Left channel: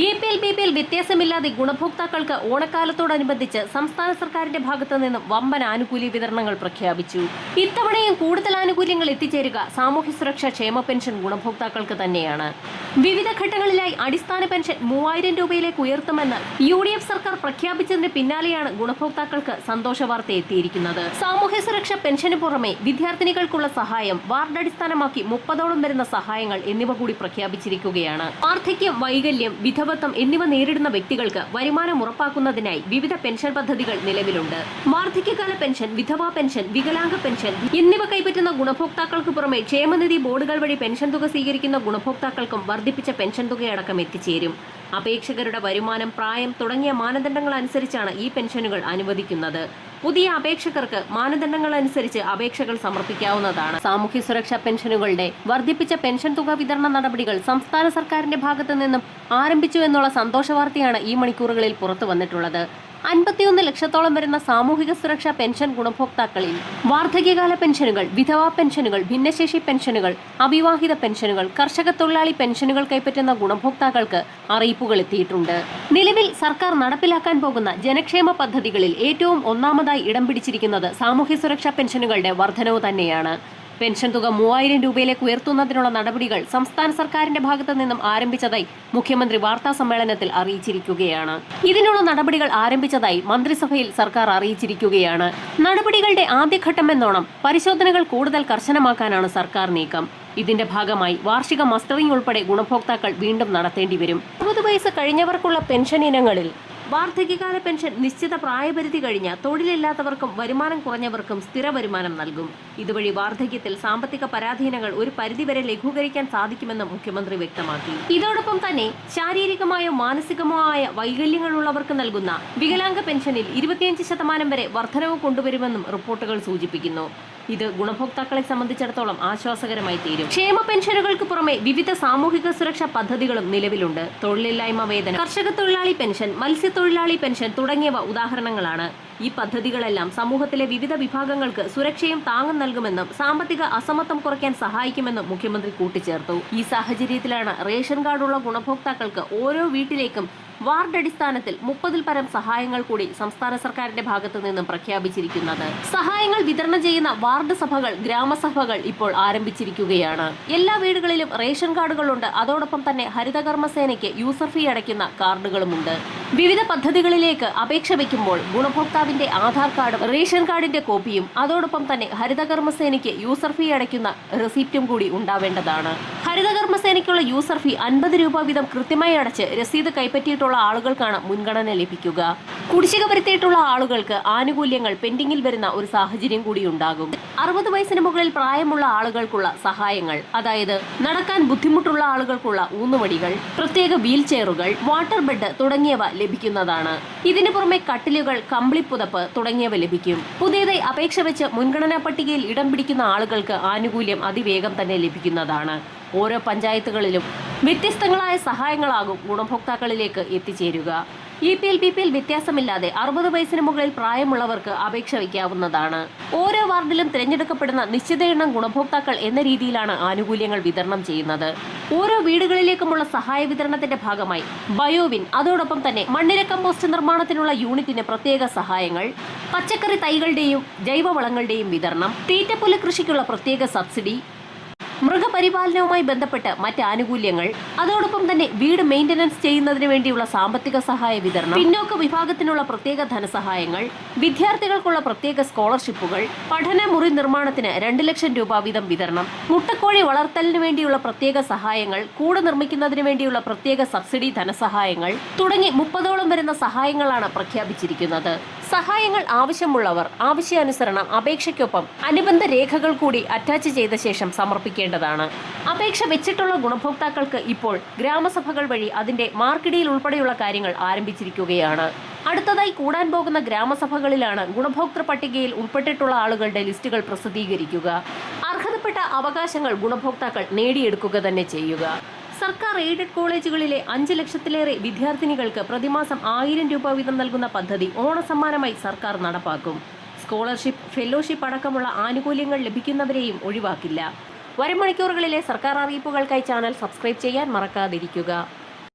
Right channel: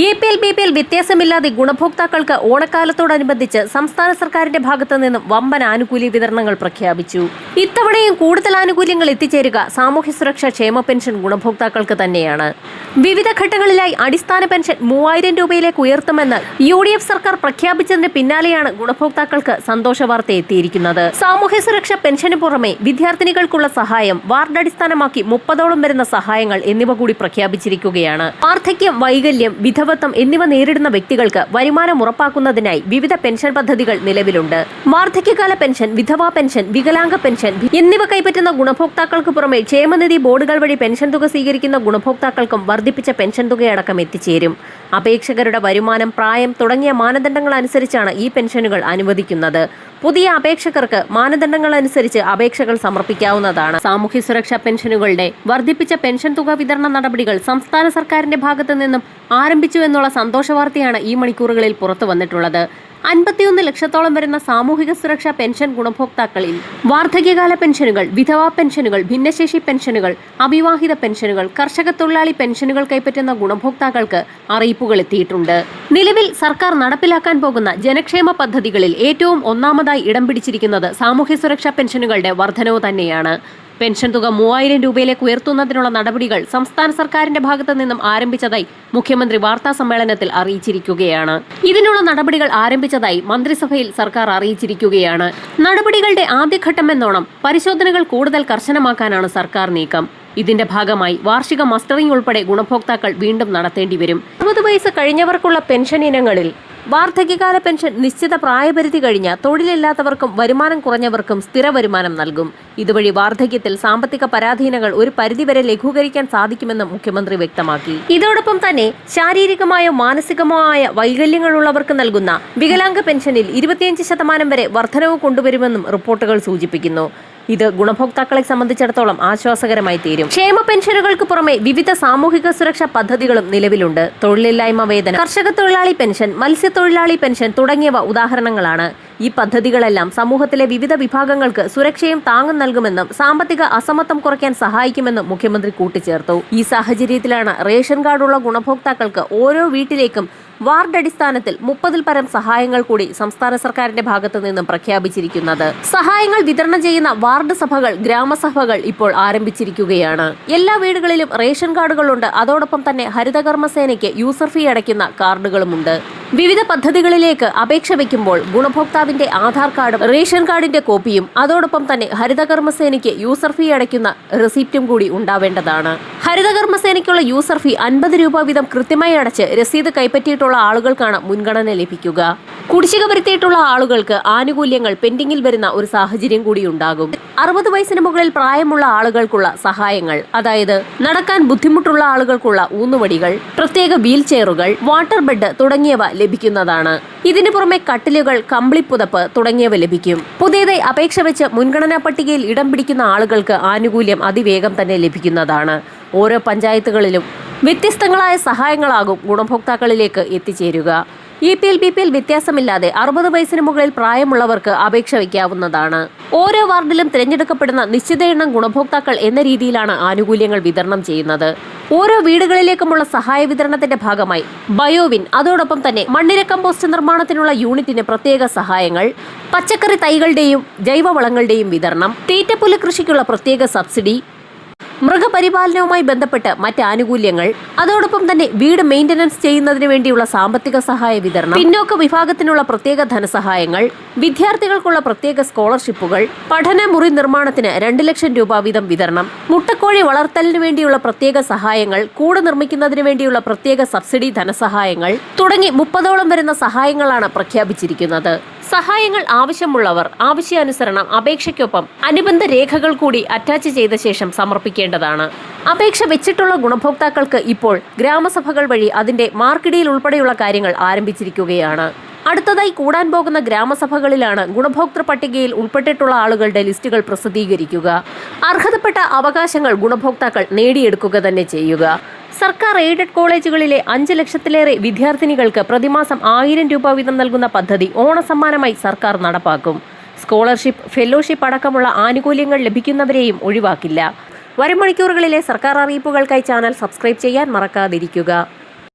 APL BPL വ്യത്യാസമില്ലാതെ ഗുണഭോക്താക്കൾക്ക് ഓണക്കാലത്തോടനുബന്ധിച്ച് സംസ്ഥാന സർക്കാരിന്റെ ഭാഗത്തു നിന്നും വമ്പൻ ആനുകൂല്യ വിതരണങ്ങൾ പ്രഖ്യാപിച്ചു. ഇത്തവണയും കൂടുതൽ ആനുകൂല്യങ്ങൾ എത്തിച്ചേരുക സാമൂഹ്യ സുരക്ഷാ ക്ഷേമ പെൻഷൻ ഗുണഭോക്താക്കൾക്ക് തന്നെയാണ്. വിവിധ ഘട്ടങ്ങളിലായി അടിസ്ഥാന പെൻഷൻ 3000 രൂപയിലേക്ക് ഉയർത്തുമെന്ന് UDF സർക്കാർ പ്രഖ്യാപിച്ചതിന് പിന്നാലെയാണ് ഗുണഭോക്താക്കൾക്ക് സന്തോഷ വാർത്ത എത്തിയിരിക്കുന്നത്. സാമൂഹ്യ സുരക്ഷാ പെൻഷന് പുറമെ വിദ്യാർത്ഥിനികൾക്കുള്ള സഹായം, വാർഡ് അടിസ്ഥാനമാക്കി 30ഓളം വരുന്ന സഹായങ്ങൾ എന്നിവ കൂടി പ്രഖ്യാപിച്ചിരിക്കുകയാണ്. വാർദ്ധക്യം, വൈകല്യം, വിധവത്വം എന്നിവ നേരിടുന്ന വ്യക്തികൾക്ക് വരുമാനം ഉറപ്പാക്കുന്നതിനായി വിവിധ പെൻഷൻ പദ്ധതികൾ നിലവിലുണ്ട്. വാർദ്ധക്യകാല പെൻഷൻ, വിധവാ പെൻഷൻ, വികലാംഗ പെൻഷൻ എന്നിവ കൈപ്പറ്റുന്ന ഗുണഭോക്താക്കൾക്ക് പുറമെ ക്ഷേമനിധി ബോർഡുകൾ വഴി പെൻഷൻ തുക സ്വീകരിക്കുന്ന ഗുണഭോക്താക്കൾക്കും വർദ്ധിപ്പിച്ച പെൻഷൻ തുകയടക്കം എത്തിച്ചേരും. അപേക്ഷകരുടെ വരുമാനം, പ്രായം തുടങ്ങിയ മാനദണ്ഡങ്ങൾ അനുസരിച്ചാണ് ഈ പെൻഷനുകൾ അനുവദിക്കുന്നത്. പുതിയ അപേക്ഷകർക്ക് മാനദണ്ഡങ്ങൾ അനുസരിച്ച് അപേക്ഷകൾ സമർപ്പിക്കാവുന്നതാണ്. സാമൂഹ്യ സുരക്ഷാ പെൻഷനുകളുടെ വർദ്ധിപ്പിച്ച പെൻഷൻ തുക വിതരണ നടപടികൾ സംസ്ഥാന സർക്കാരിന്റെ ഭാഗത്തു നിന്നും ആരംഭിച്ചു എന്നുള്ള സന്തോഷ വാർത്തയാണ് ഈ മണിക്കൂറുകളിൽ പുറത്തു വന്നിട്ടുള്ളത്. 51 ലക്ഷത്തോളം വരുന്ന സാമൂഹിക സുരക്ഷാ പെൻഷൻ ഗുണഭോക്താക്കളിൽ വാർദ്ധക്യകാല പെൻഷനുകൾ, വിധവാ പെൻഷനുകൾ, ഭിന്നശേഷി പെൻഷനുകൾ, അവിവാഹിത പെൻഷനുകൾ, കർഷക തൊഴിലാളി പെൻഷനുകൾ കൈപ്പറ്റുന്ന ഗുണഭോക്താക്കൾക്ക് അറിയിപ്പുകൾ എത്തിയിട്ടുണ്ട്. നിലവിൽ സർക്കാർ നടപ്പിലാക്കാൻ പോകുന്ന ജനക്ഷേമ പദ്ധതികളിൽ ഏറ്റവും ഒന്നാമതായി ഇടം പിടിച്ചിരിക്കുന്നത് സാമൂഹ്യ സുരക്ഷാ പെൻഷനുകളുടെ വർധനവ് തന്നെയാണ്. പെൻഷൻ തുക 3000 രൂപയിലേക്ക് ഉയർത്തുന്നതിനുള്ള നടപടികൾ സംസ്ഥാന സർക്കാരിന്റെ ഭാഗത്തു നിന്നും ആരംഭിച്ചതായി മുഖ്യമന്ത്രി വാർത്താ സമ്മേളനത്തിൽ അറിയിച്ചിരിക്കുകയാണ്. ഇതിനുള്ള നടപടികൾ ആരംഭിച്ചതായി മന്ത്രിസഭയിൽ സർക്കാർ അറിയിച്ചിരിക്കുകയാണ്. നടപടികളുടെ ആദ്യഘട്ടമെന്നോണം പരിശോധനകൾ കൂടുതൽ കർശനമാക്കാനാണ് സർക്കാർ നീക്കം. ഇതിന്റെ ഭാഗമായി വാർഷിക മസ്റ്ററിംഗ് ഉൾപ്പെടെ ഗുണഭോക്താക്കൾ വീണ്ടും നടത്തേണ്ടി വരും. 60 വയസ്സ് കഴിഞ്ഞവർക്കുള്ള പെൻഷൻ ഇനങ്ങളിൽ വാർദ്ധക്യകാല പെൻഷൻ നിശ്ചിത പ്രായപരിധി കഴിഞ്ഞ തൊഴിലില്ലാത്തവർക്കും വരുമാനം കുറഞ്ഞവർക്കും സ്ഥിര വരുമാനം നൽകും. ഇതുവഴി വാർദ്ധക്യത്തിൽ സാമ്പത്തിക പരാധീനങ്ങൾ ഒരു പരിധിവരെ ലഘൂകരിക്കാൻ സാധിക്കുമെന്ന് മുഖ്യമന്ത്രി വ്യക്തമാക്കി. ഇതോടൊപ്പം തന്നെ ശാരീരികമായോ മാനസികമോ ആയ വൈകല്യങ്ങളുള്ളവർക്ക് നൽകുന്ന വികലാംഗ പെൻഷനിൽ 25% വരെ വർധനവ് കൊണ്ടുവരുമെന്നും റിപ്പോർട്ടുകൾ സൂചിപ്പിക്കുന്നു. ഇത് ഗുണഭോക്താക്കളെ സംബന്ധിച്ചിടത്തോളം ആശ്വാസകരമായി തീരും. ക്ഷേമ പെൻഷനുകൾക്ക് പുറമെ വിവിധ സാമൂഹിക സുരക്ഷാ പദ്ധതികളും നിലവിലുണ്ട്. തൊഴിലില്ലായ്മ വേതനം, കർഷക തൊഴിലാളി പെൻഷൻ, മത്സ്യത്തൊഴിലാളി പെൻഷൻ തുടങ്ങിയവ ഉദാഹരണങ്ങളാണ്. ഈ പദ്ധതികളെല്ലാം സമൂഹത്തിലെ വിവിധ വിഭാഗങ്ങൾക്ക് സുരക്ഷയും താങ്ങും നൽകുമെന്നും സാമ്പത്തിക അസമത്വം കുറയ്ക്കാൻ സഹായിക്കുമെന്നും മുഖ്യമന്ത്രി കൂട്ടിച്ചേർത്തു. ഈ സാഹചര്യത്തിലാണ് റേഷൻ കാർഡുള്ള ഗുണഭോക്താക്കൾക്ക് ഓരോ വീട്ടിലേക്കും വാർഡ് അടിസ്ഥാനത്തിൽ 30ൽ പരം സഹായങ്ങൾ കൂടി സംസ്ഥാന സർക്കാരിന്റെ ഭാഗത്തു നിന്നും പ്രഖ്യാപിച്ചിരിക്കുന്നത്. സഹായങ്ങൾ വിതരണം ചെയ്യുന്ന വാർഡ് സഭകൾ, ഗ്രാമസഭകൾ ഇപ്പോൾ ആരംഭിച്ചിരിക്കുകയാണ്. എല്ലാ വീടുകളിലും റേഷൻ കാർഡുകളുണ്ട്. അതോടൊപ്പം തന്നെ ഹരിതകർമ്മസേനയ്ക്ക് യൂസർ ഫീ അടയ്ക്കുന്ന കാർഡുകളുമുണ്ട്. വിവിധ പദ്ധതികളിലേക്ക് അപേക്ഷ വയ്ക്കുമ്പോൾ ഗുണഭോക്താവിന്റെ ആധാർ കാർഡും റേഷൻ കാർഡിന്റെ കോപ്പിയും അതോടൊപ്പം തന്നെ ഹരിതകർമ്മസേനയ്ക്ക് യൂസർ ഫീ അടയ്ക്കുന്ന റെസിപ്റ്റും കൂടി ഉണ്ടാവേണ്ടതാണ്. ഹരിതകർമ്മസേനയ്ക്കുള്ള യൂസർ ഫീ 50 രൂപ വീതം കൃത്യമായി അടച്ച് രസീത് കൈപ്പറ്റിയിട്ടുള്ള ആളുകൾക്കാണ് മുൻഗണന ലഭിക്കുക. കുടിശ്ശിക വരുത്തിയിട്ടുള്ള ആളുകൾക്ക് ആനുകൂല്യങ്ങൾ പെൻഡിംഗിൽ വരുന്ന ഒരു സാഹചര്യം കൂടി ഉണ്ടാകും. 60 വയസ്സിന് മുകളിൽ പ്രായമുള്ള ആളുകൾക്കുള്ള സഹായങ്ങൾ, അതായത് നടക്കാൻ ബുദ്ധിമുട്ടുള്ള ആളുകൾക്കുള്ള ഊന്നുവടികൾ, പ്രത്യേക വീൽ ചെയറുകൾ, വാട്ടർ ബെഡ് തുടങ്ങിയവ ലഭിക്കുന്നതാണ്. ഇതിനു പുറമെ കട്ടിലുകൾ, കമ്പിളിപ്പുതപ്പ് തുടങ്ങിയവ ലഭിക്കും. പുതിയതായി അപേക്ഷ വെച്ച് മുൻഗണനാ പട്ടികയിൽ ഇടം പിടിക്കുന്ന ആളുകൾക്ക് ആനുകൂല്യം അതിവേഗം തന്നെ ലഭിക്കുന്നതാണ്. ഓരോ പഞ്ചായത്തുകളിലും വ്യത്യസ്തങ്ങളായ സഹായങ്ങളാകും ഗുണഭോക്താക്കളിലേക്ക് എത്തിച്ചേരുക. APL BPL വ്യത്യാസമില്ലാതെ 60 വയസ്സിന് മുകളിൽ പ്രായമുള്ളവർക്ക് അപേക്ഷ വയ്ക്കാവുന്നതാണ്. ഓരോ വാർഡിലും തിരഞ്ഞെടുക്കപ്പെടുന്ന നിശ്ചിത എണ്ണം ഗുണഭോക്താക്കൾ എന്ന രീതിയിലാണ് ആനുകൂല്യങ്ങൾ വിതരണം ചെയ്യുന്നത്. ഓരോ വീടുകളിലേക്കുമുള്ള സഹായ വിതരണത്തിന്റെ ഭാഗമായി ബയോവിൻ, അതോടൊപ്പം തന്നെ മണ്ണിര കമ്പോസ്റ്റ് നിർമ്മാണത്തിനുള്ള യൂണിറ്റിന് പ്രത്യേക സഹായങ്ങൾ, പച്ചക്കറി തൈകളുടെയും ജൈവവളങ്ങളുടെയും വിതരണം, തീറ്റപ്പുല്ല് കൃഷിക്കുള്ള പ്രത്യേക സബ്സിഡി, മൃഗപരിപാലനവുമായി ബന്ധപ്പെട്ട് മറ്റ് ആനുകൂല്യങ്ങൾ, അതോടൊപ്പം തന്നെ വീട് മെയിന്റനൻസ് ചെയ്യുന്നതിന് വേണ്ടിയുള്ള സാമ്പത്തിക സഹായ വിതരണം, പിന്നോക്ക വിഭാഗത്തിനുള്ള പ്രത്യേക ധനസഹായങ്ങൾ, വിദ്യാർത്ഥികൾക്കുള്ള പ്രത്യേക സ്കോളർഷിപ്പുകൾ, പഠന മുറി നിർമ്മാണത്തിന് 2 ലക്ഷം രൂപ വീതം വിതരണം, മുട്ടക്കോഴി വളർത്തലിന് വേണ്ടിയുള്ള പ്രത്യേക സഹായങ്ങൾ, കൂട് നിർമ്മിക്കുന്നതിന് വേണ്ടിയുള്ള പ്രത്യേക സബ്സിഡി ധനസഹായങ്ങൾ തുടങ്ങി 30ഓളം വരുന്ന സഹായങ്ങളാണ് പ്രഖ്യാപിച്ചിരിക്കുന്നത്. സഹായങ്ങൾ ആവശ്യമുള്ളവർ ആവശ്യാനുസരണം അപേക്ഷയ്ക്കൊപ്പം അനുബന്ധ രേഖകൾ കൂടി അറ്റാച്ച് ചെയ്ത ശേഷം സമർപ്പിക്കേണ്ടതാണ്. അപേക്ഷ വെച്ചിട്ടുള്ള ഗുണഭോക്താക്കൾക്ക് ഇപ്പോൾ ഗ്രാമസഭകൾ വഴി അതിന്റെ മാർക്കിടിയിൽ ഉൾപ്പെടെയുള്ള കാര്യങ്ങൾ ആരംഭിച്ചിരിക്കുകയാണ്. അടുത്തതായി കൂടാൻ പോകുന്ന ഗ്രാമസഭകളിലാണ് ഗുണഭോക്തൃ പട്ടികയിൽ ഉൾപ്പെട്ടിട്ടുള്ള ആളുകളുടെ ലിസ്റ്റുകൾ പ്രസിദ്ധീകരിക്കുക. അർഹതപ്പെട്ട അവകാശങ്ങൾ ഗുണഭോക്താക്കൾ നേടിയെടുക്കുക തന്നെ ചെയ്യുക. സർക്കാർ എയ്ഡഡ് കോളേജുകളിലെ 5 ലക്ഷത്തിലേറെ വിദ്യാർത്ഥിനികൾക്ക് പ്രതിമാസം 1000 രൂപ വീതം നൽകുന്ന പദ്ധതി ഓണസമ്മാനമായി സർക്കാർ നടപ്പാക്കും. സ്കോളർഷിപ്പ്, ഫെലോഷിപ്പ് അടക്കമുള്ള ആനുകൂല്യങ്ങൾ ലഭിക്കുന്നവരെയും ഒഴിവാക്കില്ല. വരും മണിക്കൂറുകളിലെ സർക്കാർ അറിയിപ്പുകൾക്കായി ചാനൽ സബ്സ്ക്രൈബ് ചെയ്യാൻ മറക്കാതിരിക്കുക.